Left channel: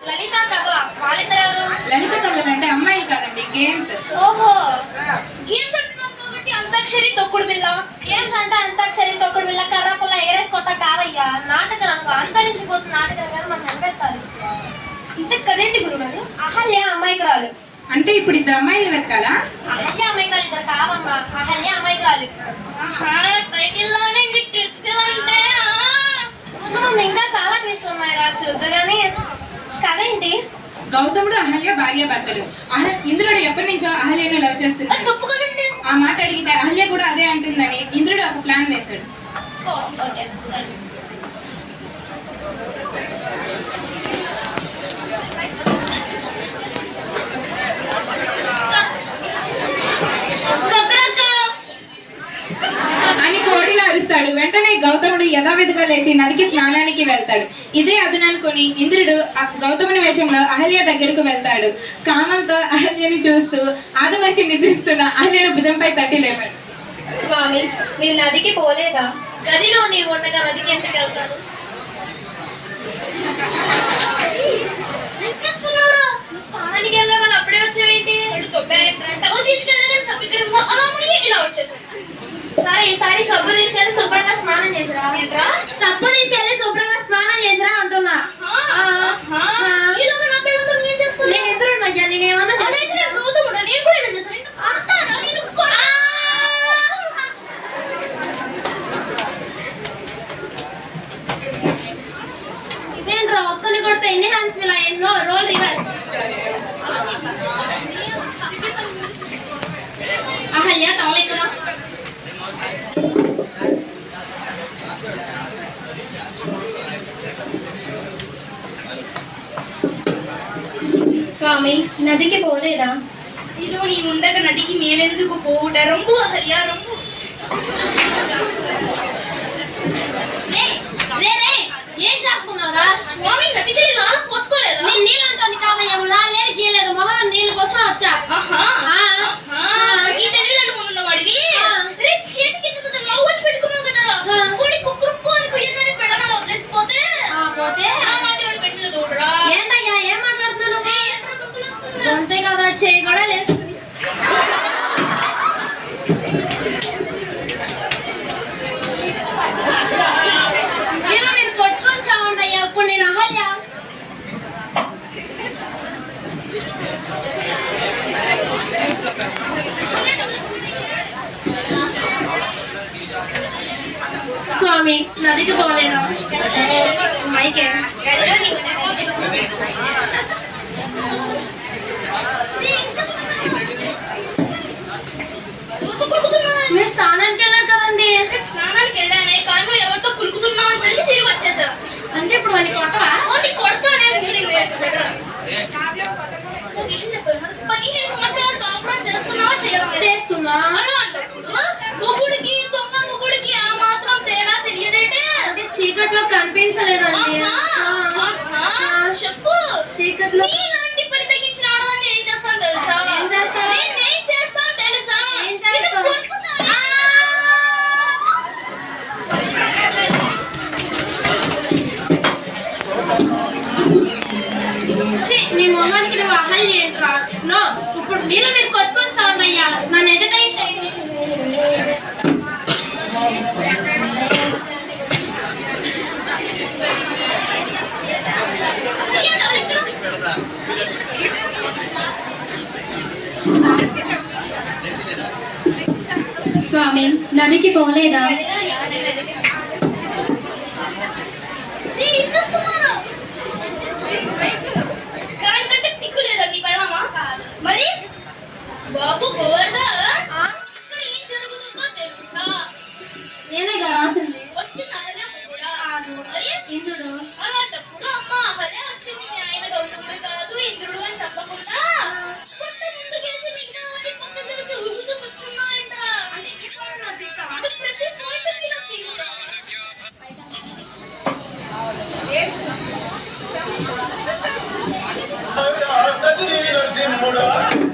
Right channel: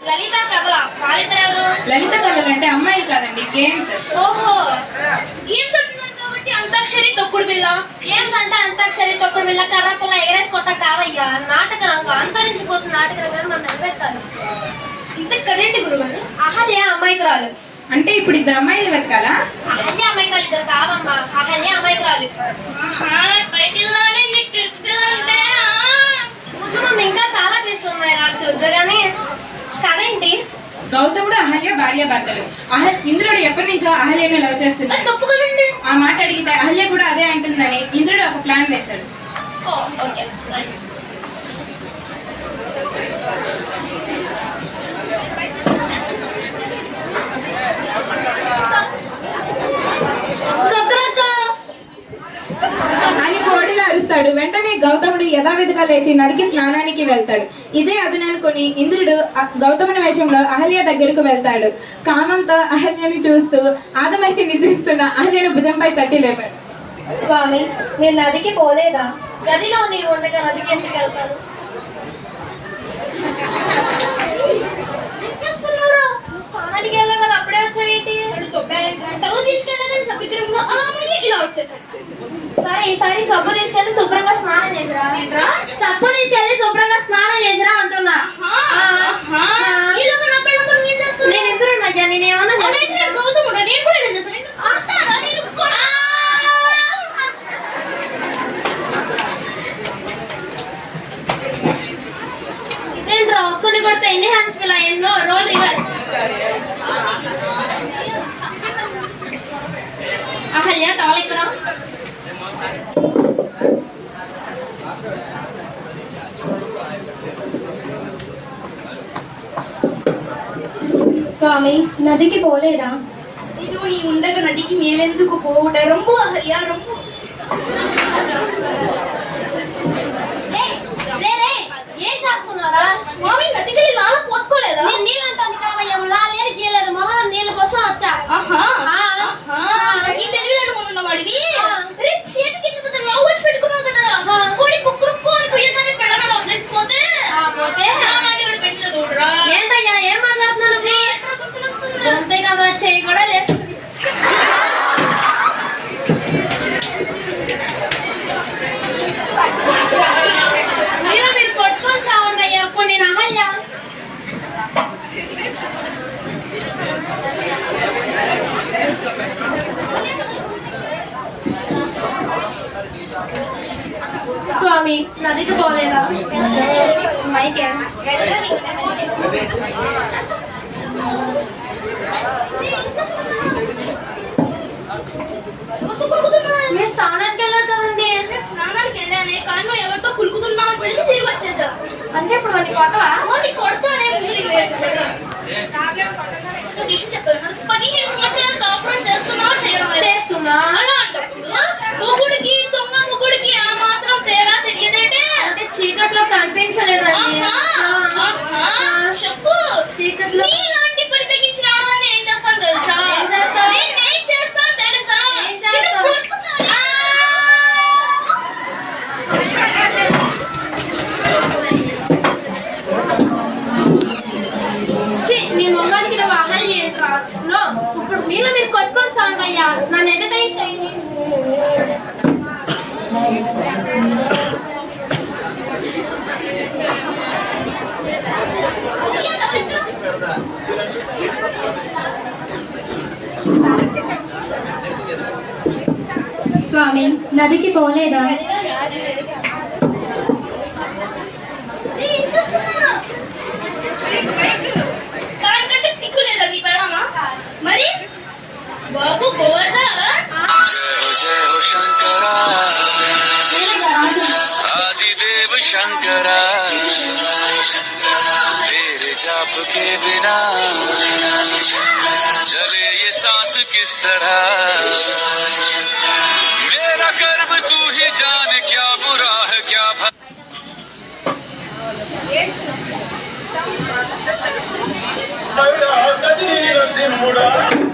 లలిత కబల వాళ్ళిద్ద ఎవరు? లలిత కబల అంటే అమ్మాయిలు కాదండి, గేమ్స్. ఓహో, గేమ్స్ అంటున్నారు కాబట్టి అంతాక్షరి తొక్కుడు బిల్ల. గేమ్స్ అంటే అంతాక్షరి తొక్కుడు బిల్ల కర్ర పుల్ల ఎగరేసి కొట్ట కావయ్యా. నాటక రంగం అంతరించిపోతున్న నాటక రంగాన్ని మనం నిలబెడతారు. ఇంత కదేంటి గురుగారు? అహల్య అమాయకురాలు అంటే ఇప్పుడు ఇద్దరు అమ్మాయిలు వెతకాలా? అహల్య అమాయకురాలు ఇద్దరు కాదమ్మా, అహల్య అమాయకురాలు. ముందు ముందు ఇంకా చాలా ట్విస్టులు ఉన్నాయి రా, చూద్దు కానీ. కదేంటి? గౌతముడు అహల్య భార్య భర్తలు. ఇంద్రుడు ఎప్పటి నుంచో అహల్యను లవ్ చేస్తున్నాడు. తప్పు కదండి. ఆ మాట అడిగితే అహల్య కూడా అదే అంటుందని ఇంద్రుడు ఒక ప్లాన్ వేశాడు. ఓకే. అని కోడిగా అరుస్తాడు. వెంటనే గౌతముడు యథావిధిగా లేచి నదికి స్నానానికి వెళ్తాడు. ఇదే అదుననుకుని ఇంద్రుడు గౌతముని వేషంలో అహల్య దగ్గరకు వెళ్తాడు. కామంతో అహల్యని చూస్తూ ఆదమర్చి నిద్రిస్తున్న అహల్యను భుజంపై తట్టి లేపాడు. స్వామి, మీరు నదికి పోలేదా? గదిలో నీవు ఉండగా నదికి ఎందుకు వెళ్తారు? స్నానానికి వెళ్ళావు కదా, అప్పుడే వచ్చావేంటి? సరే, ఈసారి సబ్బు తీసుకెళ్ళి శుభ్రంగా స్నానం చేసిరా. సబ్బు తీసుకెళ్ళి శుభ్రంగా స్నానం చేసిరా అంటున్నా. నేను ఎదురు అయ్యా, నేనేమన్నా ఇదేంట్రా ఒక్కని కొడితే ఎన్ని హ్యాండ్స్ పిల్ల, ఎన్నో రోల్ రివర్స్. అహల్య టాల్ ఇక్కడ. స్వామి, నదికి పోలేదా? ఇది నీ ఉండగా నదికి మేమెందుకు పోవుట? రొంబు అహల్య, రొంబు. ఏం చేస్తున్నారా? స్వామి, నదికి నాలుగు పోసుకోలేదా? నేను నీళ్ళు అంటుంది కావయ్యా, లాలేని గీయలేదు, మొహం నీళ్ళు కోసం వచ్చా. ఈ తెలివిదారు ఉన్న వాడివి చేతికి లవ్ వచ్చి పెట్టుకున్నావు కదా, కోడి కుక్కురుక్కోని కొయ్యగానే పెళ్ళని వదిలేసిపోతే పోతే నాటి పెళ్ళిలో తోడురా. ఏంటయ్యా, ఏం మాట్లాడుతున్నాను? అంతే కదా, చేయి కూడా లేస్తుంది. మీరు కొట్టుకొని చావండి అయ్యా, అప్పుడు నేను అహల్య. స్వామి, నదికి పోలేదా? మైకే మీరు స్నానానికి వెళ్ళారు కదండి. స్నానానికి వెళ్ళానే, కానీ ఎవరితో పులుకుతున్నావు అని తెలిసి తిరిగి వచ్చేసారు. అంటే ఇప్పుడు వాడిని కొట్టవా? కొడతానే చెప్పారు. 15 సంవత్సరాలు కాపురం చేస్తున్నా అలా అంటప్పుడు మొగుడికి దొంగ మొగుడికి ఆ మాత్రం తేడా తెలియదేంటే? అంటే చీకట్లో కనిపించలేదండి. చెప్పు. చీకట్లో నీలాంటి పని తగ్గించిన ఆడవాన్ని ఏం చేస్తాను తెలుసా? ఏం చేస్తావు? ఏం చేస్తాను తెలుసా? ఏం చేస్తావు? నీ మొహానికి నువ్వు అహల్య ఏంట్రా? నో, ఇప్పుడు మీరు కొట్టుకొని చావండి అయ్యా, నన్ను ఎంటర్టైన్ చేయండి. స్వామి, నదికి పోలేదా? కంటే సిగ్గు లేదా నీ పెళ్ళామా? మరి బాబు గోవర్ధన్ शंकरा तेरे जाप के बिना चले ये सांस किस तरह मेरा कर्म तू ही जान क्या बुरा है क्या नरसिंहुड़ा